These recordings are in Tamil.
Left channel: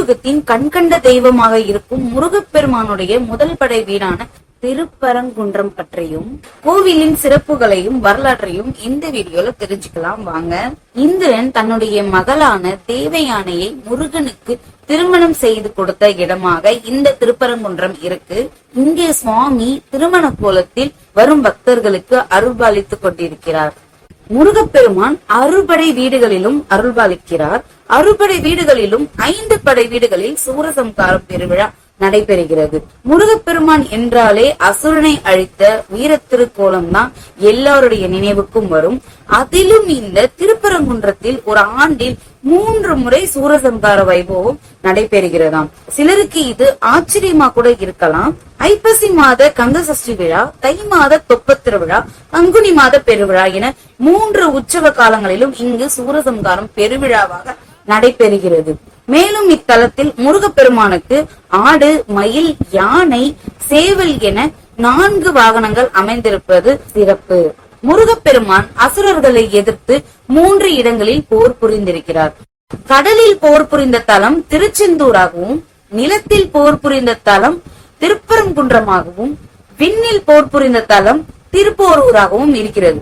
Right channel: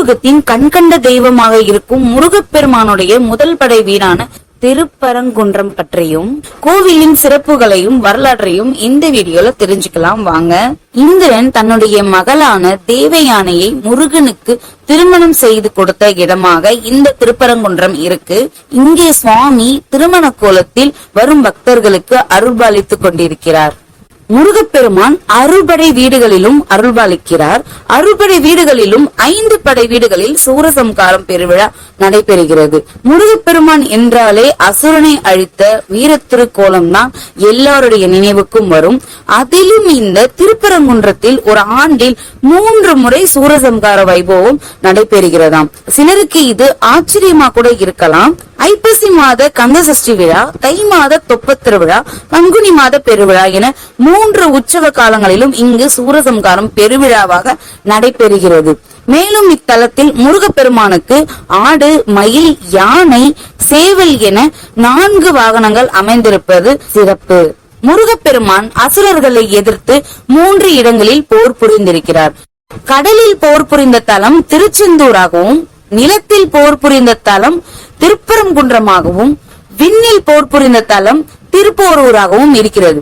கலியுகத்தின் கண்கண்ட தெய்வமாக இருக்கும் முருகப்பெருமானுடைய முதல் படை வீடான திருப்பரங்குன்றம் பற்றியும் கோவிலின் சிறப்புகளையும் வரலாற்றையும் இந்த வீடியோல தெரிஞ்சுக்கலாம் வாங்க. இந்திரன் தன்னுடைய மகளான தேவயானையை முருகனுக்கு திருமணம் செய்து கொடுத்த இடமாக இந்த திருப்பரங்குன்றம் இருக்கு. இங்கே சுவாமி திருமண கோலத்தில் வரும் பக்தர்களுக்கு அருள்பாலித்துக் கொண்டிருக்கிறார். முருகப்பெருமான் அறுபடை வீடுகளிலும் அருள்பாலிக்கிறார் அறுபடை வீடுகளிலும் ஐந்து படை வீடுகளில் சூரசம்காரம் பெருவிழா நடைபெறுகிறது. முருகப்பெருமான் என்றாலே அசுரனை அழித்த வீரத்திருக்கோலம் தான் எல்லாருடைய நினைவுக்கும் வரும். அதிலும் இந்த திருப்பரங்குன்றத்தில் ஒரு ஆண்டில் மூன்று முறை சூரசம்கார வைபவம் நடைபெறுகிறதாம். சிலருக்கு இது ஆச்சரியமா கூட இருக்கலாம். ஐப்பசி மாத கந்த சஷ்டி விழா தை மாத தொப்பத் திருவிழா பங்குனி மாத பெருவிழா என மூன்று உற்சவ காலங்களிலும் இங்கு சூரசம்காரம் பெருவிழாவாக நடைபெறுகிறது. மேலும் இத்தலத்தில் முருகப்பெருமானுக்கு ஆடு மயில் யானை சேவல் என நான்கு வாகனங்கள் அமைந்திருப்பது சிறப்பு. முருகப்பெருமான் அசுரர்களை எதிர்த்து மூன்று இடங்களில் போர் புரிந்திருக்கிறார். கடலில் போர் புரிந்த தலம் திருச்செந்தூராகவும் நிலத்தில் போர் புரிந்த தலம் திருப்பரங்குன்றமாகவும் விண்ணில் போர் புரிந்த தலம் திருப்போரூராகவும் இருக்கிறது.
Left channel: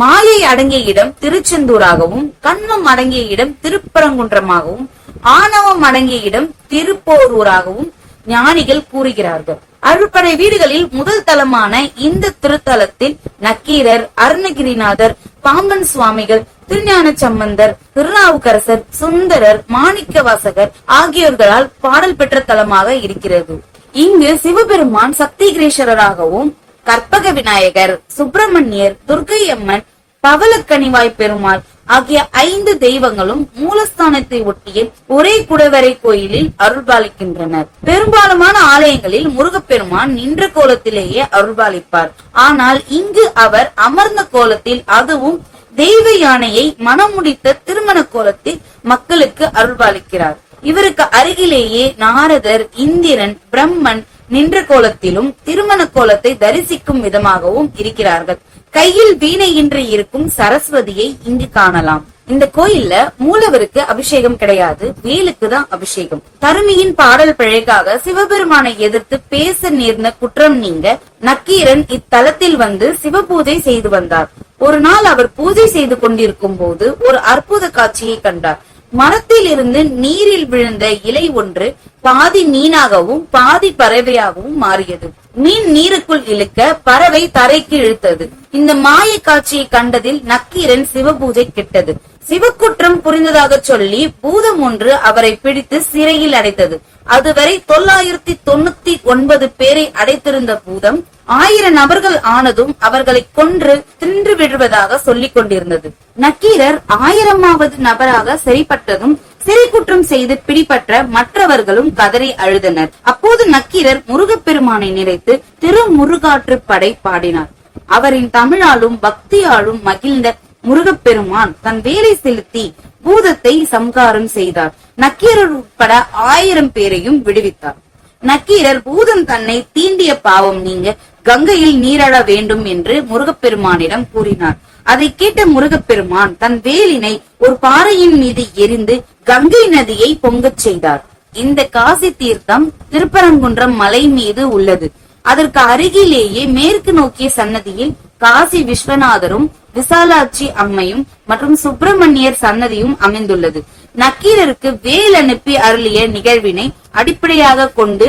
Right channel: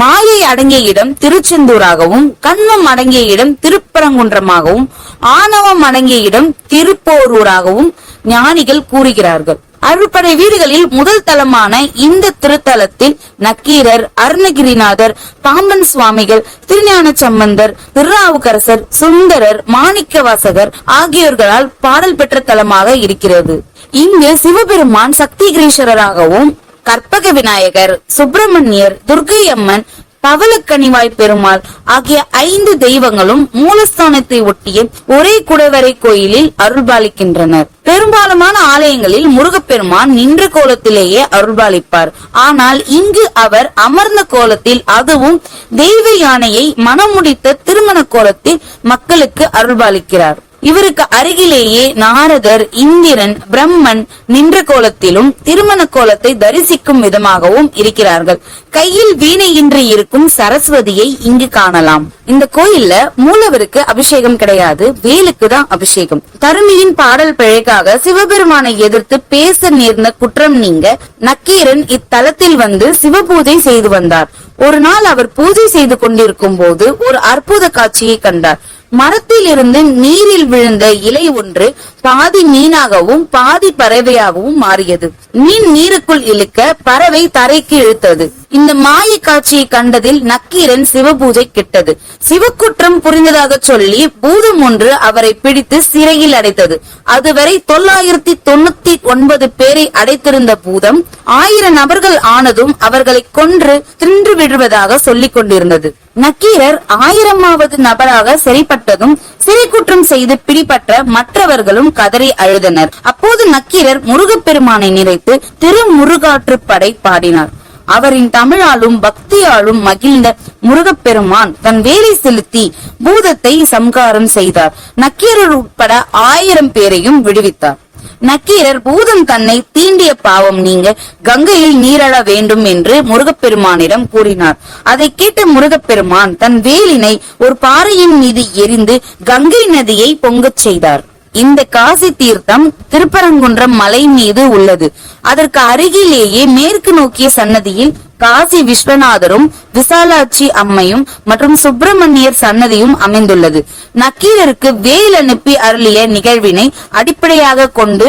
மாயை அடங்கிய இடம் திருச்செந்தூராகவும் கண்மம் அடங்கிய இடம் திருப்பரங்குன்றமாகவும் ஆணவம் அடங்கிய இடம் திருப்போரூராகவும் ஞானிகள் கூறுகிறார்கள். அறுபடை வீடுகளில் முதல் தலமான இந்த திருத்தலத்தில் நக்கீரர் அருணகிரிநாதர் பாம்பன் சுவாமிகள் திருஞான சம்பந்தர் திருநாவுக்கரசர் சுந்தரர் மாணிக்கவாசகர் ஆகியோர்களால் பாடல் பெற்ற தலமாக இருக்கிறது. இங்கு சிவபெருமான் சக்தி கிரீஸ்வரராகவும் கற்பக விநாயகர் சுப்பிரமணியர் துர்க்கை அம்மன் பவளக்கனிவாய் பெருமாள் ஆகிய ஐந்து தெய்வங்களும் மூலஸ்தானத்தை ஒட்டிய ஒரே குடவரை கோயிலில் அருள்பாலிக்கின்றனர். பெரும்பாலான ஆலயங்களில் முருகப்பெருமான் நின்ற கோலத்திலேயே அருள்பாலிப்பார். ஆனால் இங்கு அவர் அமர்ந்த கோலத்தில் அதுவும் தெய்வ யானையை மனமுடித்த திருமண கோலத்தில் மக்களுக்கு அருள்பாலிக்கிறார். இவருக்கு அருகிலேயே நாரதர் இந்திரன் பிரம்மன் நின்ற கோலத்திலும் திருமண கோலத்தை தரிசிக்கும் விதமாகவும் இருக்கிறார்கள். கையில் வீணை இன்றி இருக்கும் சரஸ்வதியை இங்கு காணலாம். இந்த கோயில்ல மூலவருக்கு அபிஷேகம் கிடையாது வேலுக்கு தான் அபிஷேகம். தருமியின் பாடல் பிழைக்காக சிவபெருமானை எதிர்த்து பேச நேர்ந்த குற்றம் நீங்க நக்கீரன் இத்தலத்தில் வந்து சிவபூஜை செய்து வந்தார். ஒரு நாள் அவர் பூஜை செய்து கொண்டிருக்கும் போது ஒரு அற்புத காட்சியை கண்டார். மரத்தில் இருந்து நீரில் விழுந்த இலை ஒன்று பாதி மீனாகவும் பாதி பறவையாகவும் மாறியது. மீன் நீருக்குள் இழுக்க பறவை தரைக்கு இழுத்தது. இந்த மாய காட்சியை கண்டதில் நக்கீரன் சிவபூஜை கிட்டது. சிவக்குற்றம் புரிந்ததாக சொல்லி பூதம் ஒன்று அவரை பிடித்து சிறையில் அடைத்தது. அதுவரை தொள்ளாயிரத்தி தொண்ணூத்தி ஒன்பது பேரை அடைத்திருந்த பூதம் ஆயிரம் நபர்கள் ஆனதும் அவர்களை கொன்று தின்று விடுவதாக சொல்லிக் கொண்டிருந்தது. நக்கீரர் ஆயிரமாவது நபராக சரிப்பட்டதும் சிறை குற்றம் செய்து பிடிபட்ட மற்றவர்களும் கதறி அழுதனர். அப்போது நக்கீரர் முருகப்பெருமானை நினைத்து திருமுருகாற்று படை பாடினார். அவரின் தமிழாலும் பக்தியாலும் மகிழ்ந்த முருகப்பெருமான் தன் வேலை செலுத்தி பூதத்தை சம்காரம் செய்தார். நக்கீரர் உட்பட ஆயிரம் பேரையும் விடுவித்தார். நக்கீரர் பூதம் தன்னை தீண்டிய பாவம் நீங்க கங்கையில் நீராட வேண்டும் என்று முருகப்பெருமானிடம் கூறினார். அதை கேட்ட முருகப்பெருமான் தன் வேலினை ஒரு பாறையின் மீது எரிந்து கங்கை நதியை பொங்கச் செய்தார். இந்த காசி தீர்த்தம் திருப்பரங்குன்றம் மலை மீது உள்ளது. அதற்கு அருகிலேயே மேற்கு நோக்கிய சன்னதியில் காசி விஸ்வநாதரும் விசாலாட்சி அம்மையும் மற்றும் சுப்பிரமணியர் சன்னதியும் அமைந்துள்ளது. நக்கீரருக்கு வேல் அனுப்பி அருளிய நிகழ்வினை அடிப்படையாக கொண்டு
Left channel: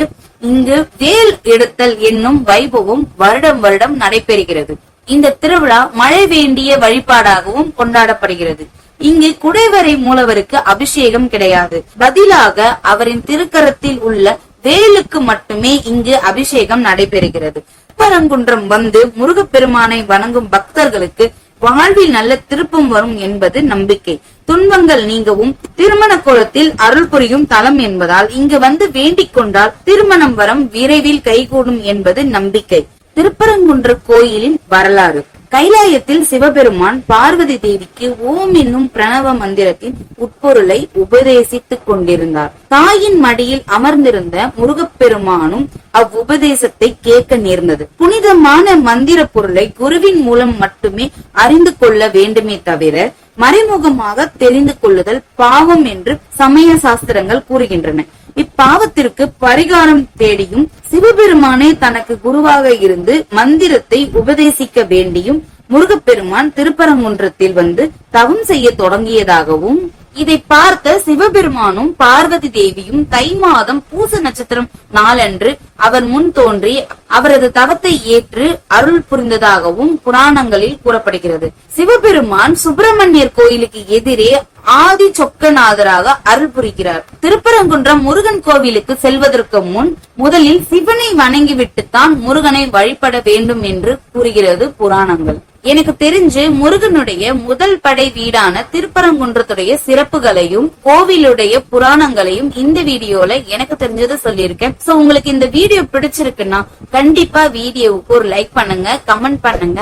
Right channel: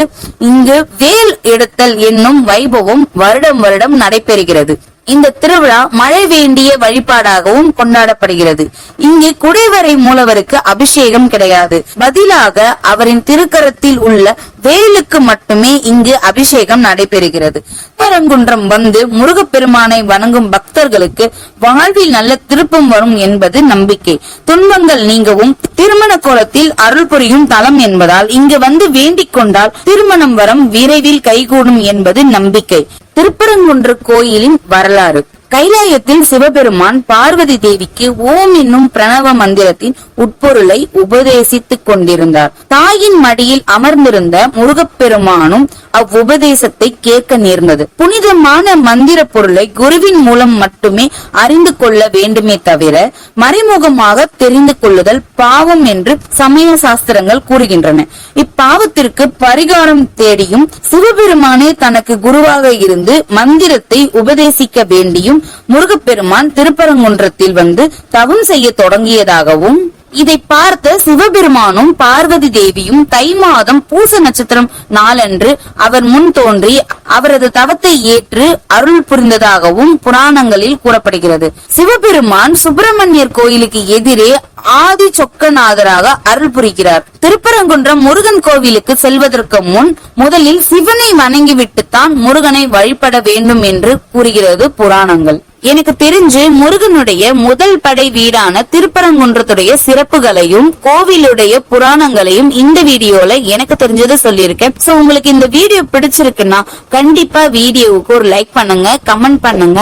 இங்கு வேல் எடுத்தல் என்னும் வைபவம் வருடம் வருடம் நடைபெறுகிறது. இந்த திருவிழா மழை வேண்டிய வழிபாடாகவும் கொண்டாடப்படுகிறது. இங்கு குடைவரை மூலவருக்கு அபிஷேகம் கிடையாது. பதிலாக அவரின் திருக்கரத்தில் உள்ள வேலுக்கு மட்டுமே இங்கு அபிஷேகம் நடைபெறுகிறது. பரங்குன்றம் வந்து முருகப்பெருமானை வணங்கும் பக்தர்களுக்கு வாழ்வில் நல்ல திருப்பம் வரும் என்பது நம்பிக்கை. துன்பங்கள் நீங்கவும் திருமண கோலத்தில் அருள் புரியும் தலம் என்பதால் இங்கு வந்து வேண்டிக் கொண்டால் திருமணம் வரம் விரைவில் கைகூடும் என்பது நம்பிக்கை. திருப்பரங்குன்ற கோயிலின் வரலாறு. கைலாயத்தில் சிவபெருமான் பார்வதி தேவிக்கு ஓம் என்னும் பிரணவ மந்திரத்தின் உட்பொருளை உபதேசித்துக் கொண்டிருந்தார். தாயின் மடியில் அமர்ந்திருந்த முருகப்பெருமானும் அவ்வுபதேசத்தை கேட்க நேர்ந்தது. புனிதமான மந்திர பொருளை குருவின் மூலம் மட்டுமே அறிந்து கொள்ள வேண்டுமே தவிர மறைமுகமாக தெரிந்து கொள்ளுதல் பாவம் என்று சமய சாஸ்திரங்கள் கூறுகின்றன. இப்பாவத்திற்கு பரிகாரம் தேடியும் சிவபெருமானே தனக்கு குருவாக இருந்து மந்திரத்தை உபதேசிக்க வேண்டியும் முருகப்பெருமான் திருப்பரங்குன்றத்தில் வந்து தவம் செய்ய தொடங்கியதாகவும் இதை பார்த்த சிவபெருமானும் பார்வதி தேவியும் தை மாதம் பூச நட்சத்திரம் நாளன்று அவர் முன் தோன்றி அவரது தவத்தை ஏற்று அருள் புரிந்ததாகவும் புராணங்களில் கூறப்படுகிறது. சிவபெருமான் சுப்பிரமணியர் கோயிலுக்கு எதிரே ஆதி சொக்கநாதராக அருள் புரிகிறார். திருப்பரங்குன்றம் முருகன் கோவிலுக்கு செல்வதற்கு முன் முதலில் சிவனை வணங்கிவிட்டுத்தான் முருகனை வழிபட வேண்டும் என்று கூறுகிறது புராணங்கள். எனக்கு தெரிஞ்சு முருகனுடைய முதல் படை வீடான திருப்பரங்குன்றத்துடைய சிறப்புகளையும் கோவிலுடைய புராணங்களையும் இந்த வீடியோல எனக்கு தெரிஞ்சதை சொல்லியிருக்கேன். சோ உங்களுக்கு இந்த வீடியோ பிடிச்சிருக்குன்னா கண்டிப்பா வீடியோவுக்கு ஒரு லைக் பண்ணுங்க கமெண்ட் பண்ணுங்க.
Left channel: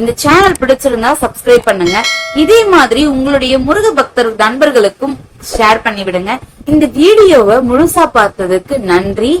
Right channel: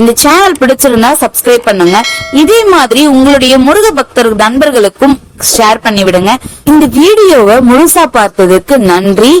இந்த சேனல் பிடிச்சிருந்தா சப்ஸ்கிரைப் பண்ணுங்க. இதே மாதிரி உங்களுடைய முருக ஒருத்தர் நண்பர்களுக்கும் ஷேர் பண்ணி விடுங்க இந்த வீடியோவை முழுசா பார்த்ததுக்கு நன்றி.